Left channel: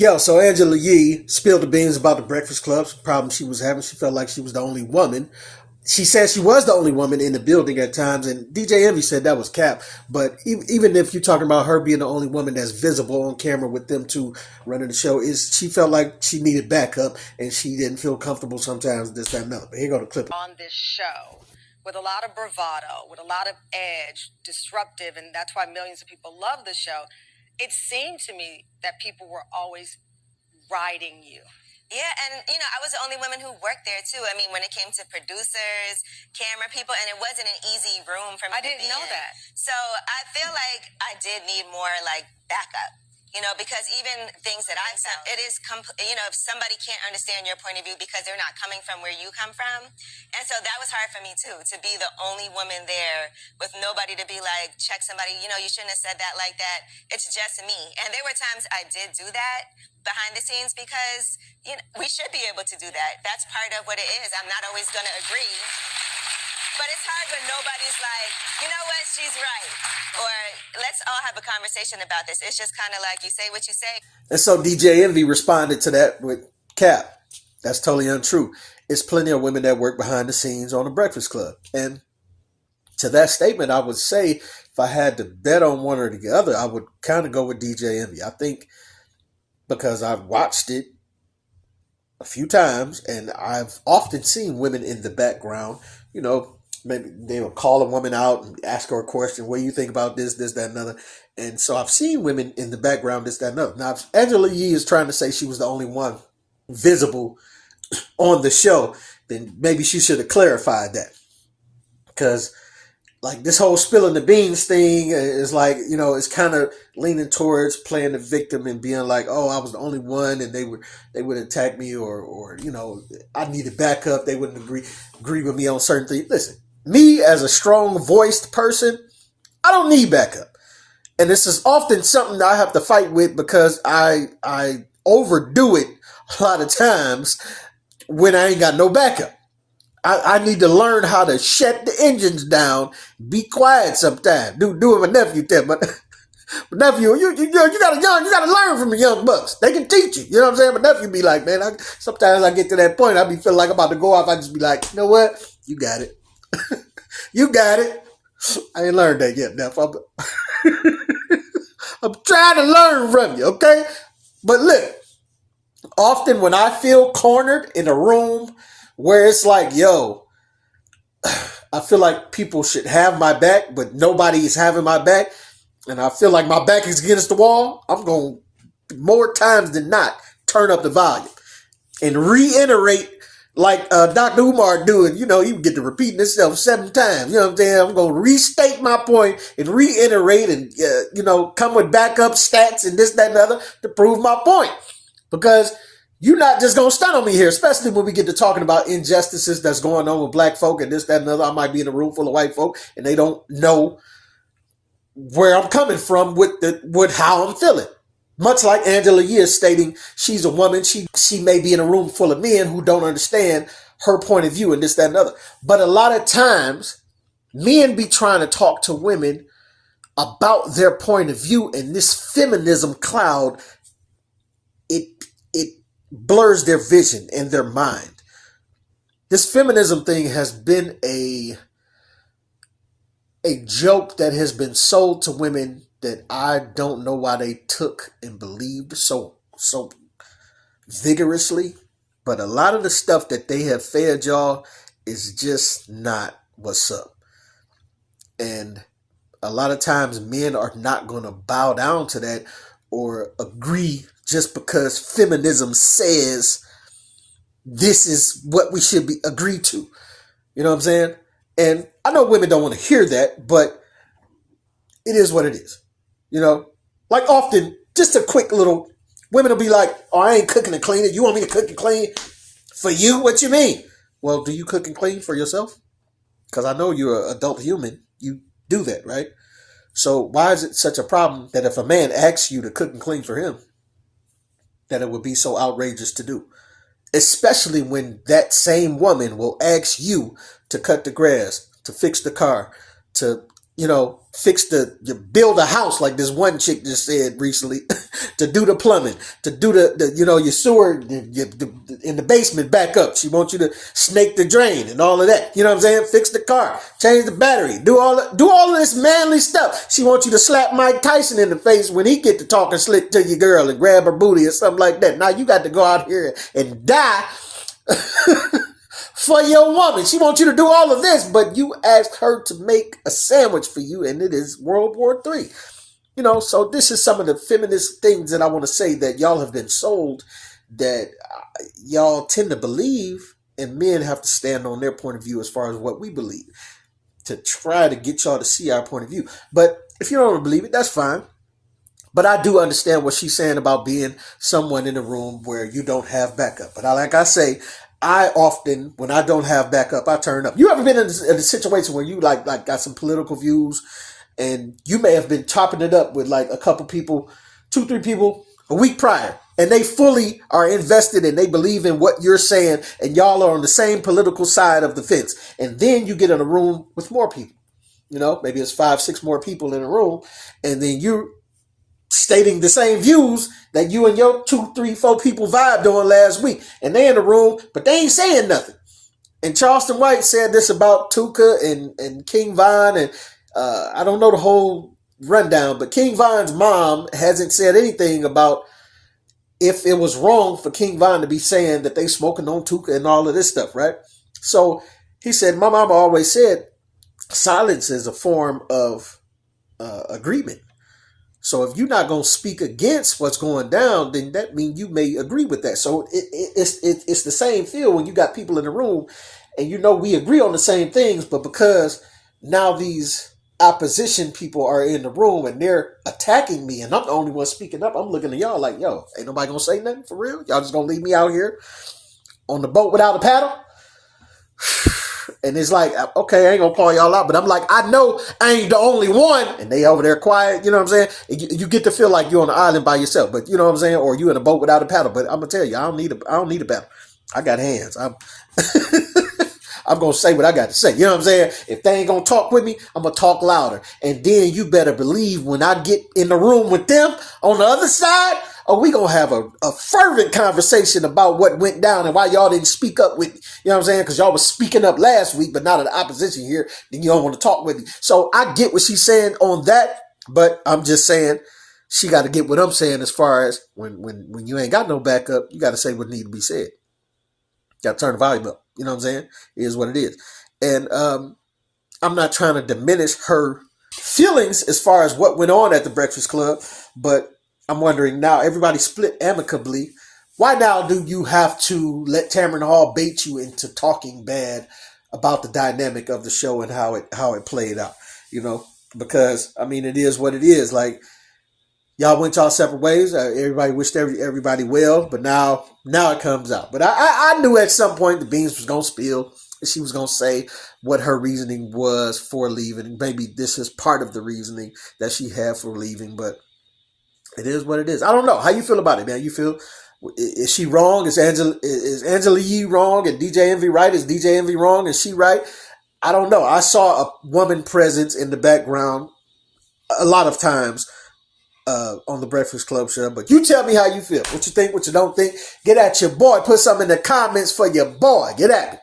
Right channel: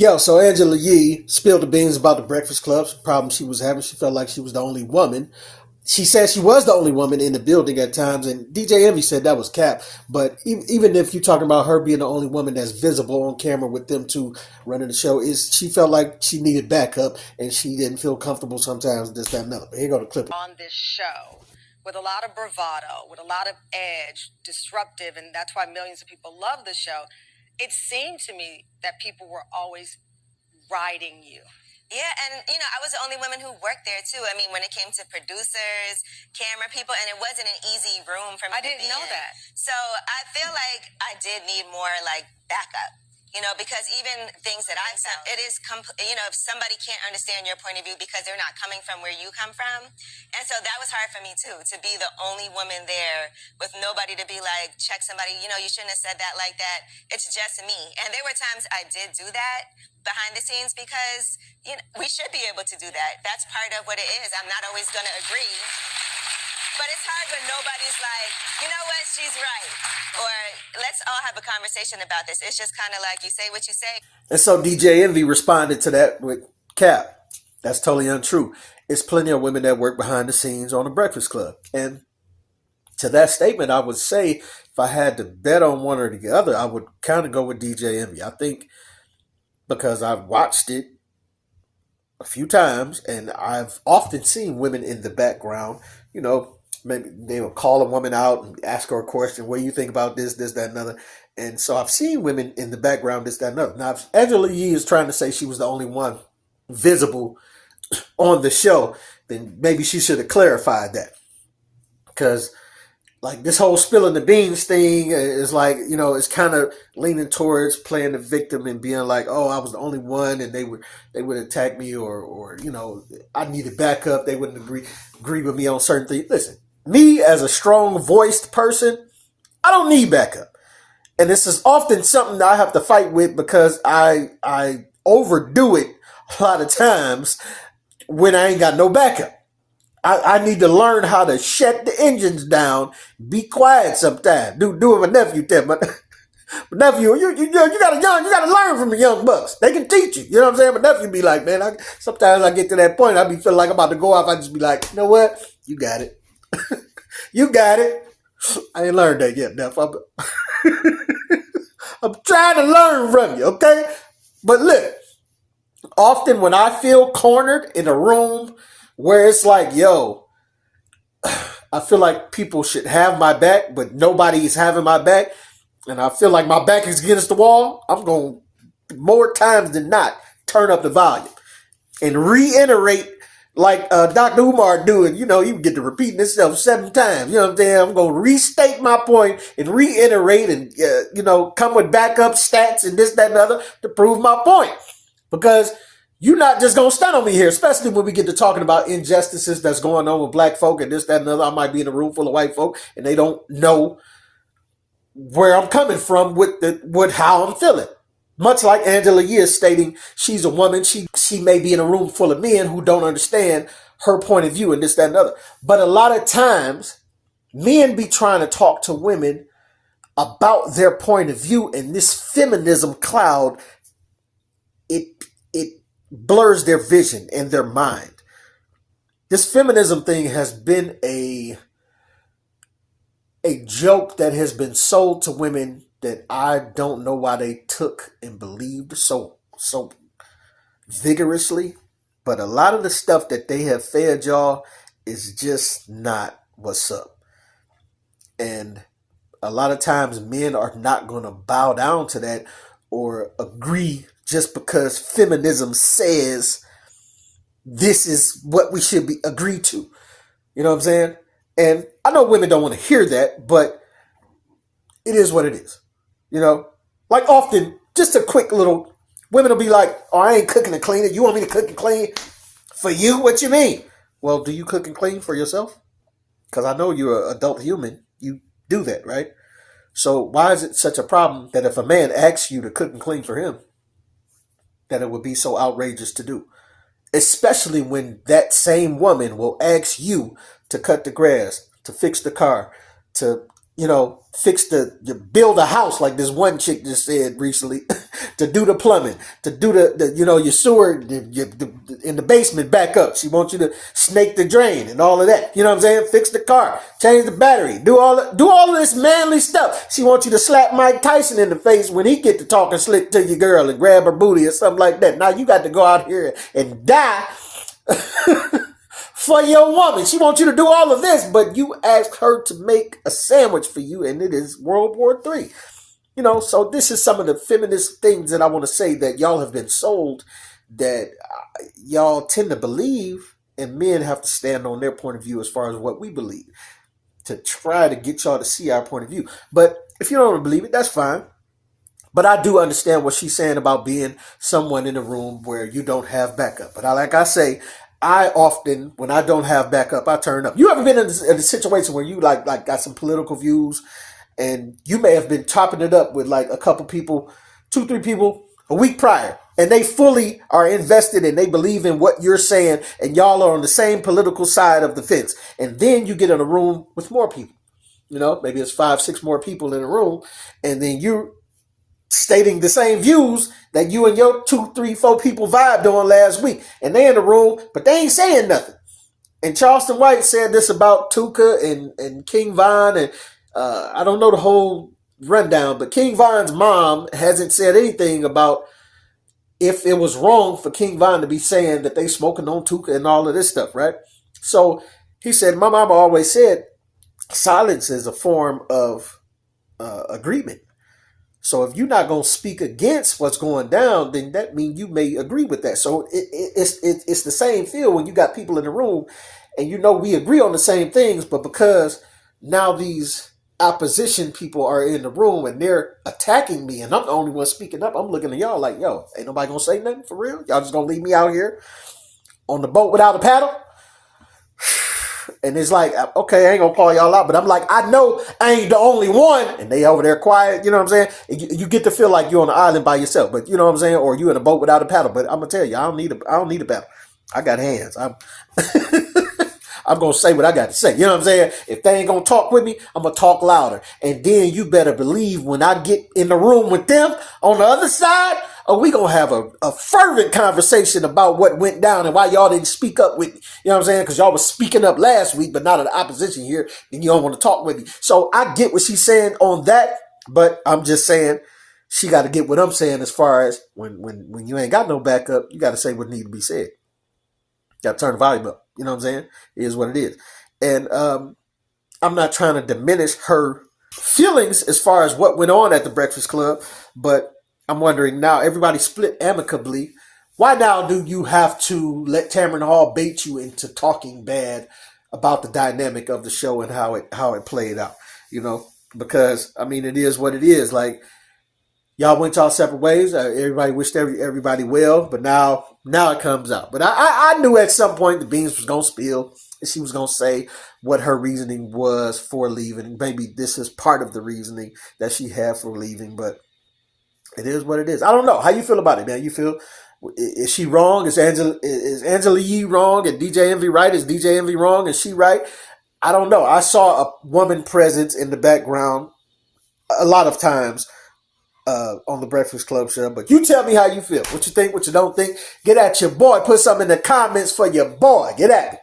Yo, so Angela Yee spilled the beans about the Breakfast Club's problem she was having. She felt like she was the only woman. She said she was the only woman in the building at times, and DJ Envy said that was cap. But even if you're talking about her being the only woman that's visible on camera with them two running the show, is she felt like she needed backup and she didn't feel comfortable sometimes, this, that, and other. But here go the clip. On this show, with a lot of bravado, with a lot of edge, disruptive, and that's why millions of people love the show. It seemed to me that people were always riding you. Yeah, and I was the only woman who worked there too. I mean, when it came to producers, camera people, and it wasn't an easy room for me. I didn't know that. So I feel like I did need more backup. Because even things that I found, it is, if somebody can't understand your point of view because they're not coming from where you come from. And so that was hard for me too, to be the only woman there with nobody to be like, check somebody, you shouldn't have said that like that. It's just me. And there were times I did do that behind the scenes because, we should be able to do that. That's part of what it is. I'm not always going to agree. But it's hard when nobody's like, you know what, she's right. Or let's all have a conversation about this. It's just kind of like you say what you say. And so DJ Envy responded to that with cap. That's totally untrue. It's plenty of women that work behind the scenes on the Breakfast Club. And to that statement, I would say if I had to bet on one or the other, I would kind of go with DJ Envy. I think because I've watched it a few times and I've often seen women in the background, maybe they will call a woman out and ask her a question. What do you think about this, that, and other? And so I've seen women in the background, this, that, and other. Now, if Angela Yee is trying to say she was the only one visible on the show, then maybe she should have clarified that. Because, this whole spilling the beans thing is it's kind of leaning towards playing the victim and being like, oh, I was the only one and they would attack me or I needed backup. They wouldn't agree with me on certain things. Listen. Me, as a strong-voiced person, I don't need backup. And this is often something that I have to fight with because I overdo it a lot of times when I ain't got no backup. I need to learn how to shut the engines down, be quiet sometimes. Do what my nephew did. But nephew, you gotta learn from the young bucks. They can teach you. You know what I'm saying? My nephew be like, man, sometimes I get to that point, I be feeling like I'm about to go off. I just be like, you know what? You got it. You got it. I ain't learned that yet, Neff. I'm trying to learn from you, okay? But look, often when I feel cornered in a room where it's like, yo, I feel like people should have my back, but nobody's having my back, and I feel like my back is against the wall, I'm going to, more times than not, turn up the volume and reiterate like Dr. Umar doing, he would get to repeating himself 7 times. You know what I'm saying? I'm going to restate my point and reiterate and, come with backup stats and this, that, and the other to prove my point. Because you're not just going to stand on me here, especially when we get to talking about injustices that's going on with black folk and this, that, and the other. I might be in a room full of white folk and they don't know where I'm coming from with how I'm feeling. Much like Angela Yee is stating she's a woman, she may be in a room full of men who don't understand her point of view and this, that, and the other. But a lot of times, men be trying to talk to women about their point of view, and this feminism cloud, it blurs their vision and their mind. This feminism thing has been a joke that has been sold to women that I don't know why they took and believed so vigorously. But a lot of the stuff that they have fed y'all is just not what's up. And a lot of times men are not going to bow down to that or agree just because feminism says this is what we should be agreed to. You know what I'm saying? And I know women don't want to hear that, but it is what it is. Like often, just a quick little, women will be like, oh, I ain't cooking and cleaning. You want me to cook and clean for you? What you mean? Well, do you cook and clean for yourself? Because I know you're an adult human. You do that, right? So why is it such a problem that if a man asks you to cook and clean for him, that it would be so outrageous to do? Especially when that same woman will ask you to cut the grass, to fix the car, to you build a house like this one chick just said recently, to do the plumbing, to do your sewer in the basement back up. She wants you to snake the drain and all of that. You know what I'm saying? Fix the car, change the battery, do all of this manly stuff. She wants you to slap Mike Tyson in the face when he get to talking slick to your girl and grab her booty or something like that. Now you got to go out here and die for your woman. She wants you to do all of this, but you asked her to make a sandwich for you, and it is World War III. So this is some of the feminist things that I want to say that y'all have been sold, that y'all tend to believe, and men have to stand on their point of view as far as what we believe to try to get y'all to see our point of view. But if you don't believe it, that's fine. But I do understand what she's saying about being someone in a room where you don't have backup. But like I say, I often, when I don't have backup, I turn up. You ever been in a situation where you like got some political views, and you may have been topping it up with like a couple people, 2-3 people a week prior, and they fully are invested and they believe in what you're saying, and y'all are on the same political side of the fence. And then you get in a room with more people, maybe it's 5-6 more people in a room, and then you're stating the same views that you and your 2-3-4 people vibed on last week. And they in the room, but they ain't saying nothing. And Charleston White said this about Tuka and King Von, and I don't know the whole rundown, but King Von's mom hasn't said anything about if it was wrong for King Von to be saying that they smoking on Tuka and all of this stuff, right? So he said, my mama always said silence is a form of agreement. So if you're not going to speak against what's going down, then that means you may agree with that. So it's the same feel when you got people in the room and we agree on the same things, but because now these opposition people are in the room and they're attacking me and I'm the only one speaking up, I'm looking at y'all like, yo, ain't nobody going to say nothing for real? Y'all just going to leave me out here on the boat without a paddle? And it's like, okay, I ain't gonna call y'all out, but I'm like, I know I ain't the only one. And they over there quiet, you know what I'm saying? You get to feel like you're on the island by yourself, but you know what I'm saying? Or you in a boat without a paddle. But I'm gonna tell you, I don't need a paddle. I got hands. I'm gonna say what I got to say. You know what I'm saying? If they ain't gonna talk with me, I'm gonna talk louder. And then you better believe when I get in the room with them on the other side, we gonna have a fervent conversation about what went down and why y'all didn't speak up with me. You know what I'm saying? Because y'all was speaking up last week, but now that the opposition here, then you don't want to talk with me. So I get what she's saying on that, but I'm just saying she got to get what I'm saying as far as when you ain't got no backup, you got to say what need to be said. Got to turn the volume up. You know what I'm saying? It is what it is. And I'm not trying to diminish her feelings as far as what went on at the Breakfast Club, but I'm wondering now, everybody split amicably. Why now do you have to let Tameron Hall bait you into talking bad about the dynamic of the show and how it played out? Because I mean, it is what it is. Like, y'all went y'all separate ways. Everybody wished everybody well, but now it comes out. But I knew at some point the beans was gonna spill. She was gonna say what her reasoning was for leaving. Maybe this is part of the reasoning that she had for leaving, but it is what it is. I don't know. How you feel about it, man? You feel, is she wrong? Is Angela Yee wrong? And DJ Envy right? Is DJ Envy wrong? Is she right? I don't know. I saw a woman presence in the background a lot of times on the Breakfast Club show. But you tell me how you feel. What you think, what you don't think. Get at your boy. Put something in the comments for your boy. Get at me.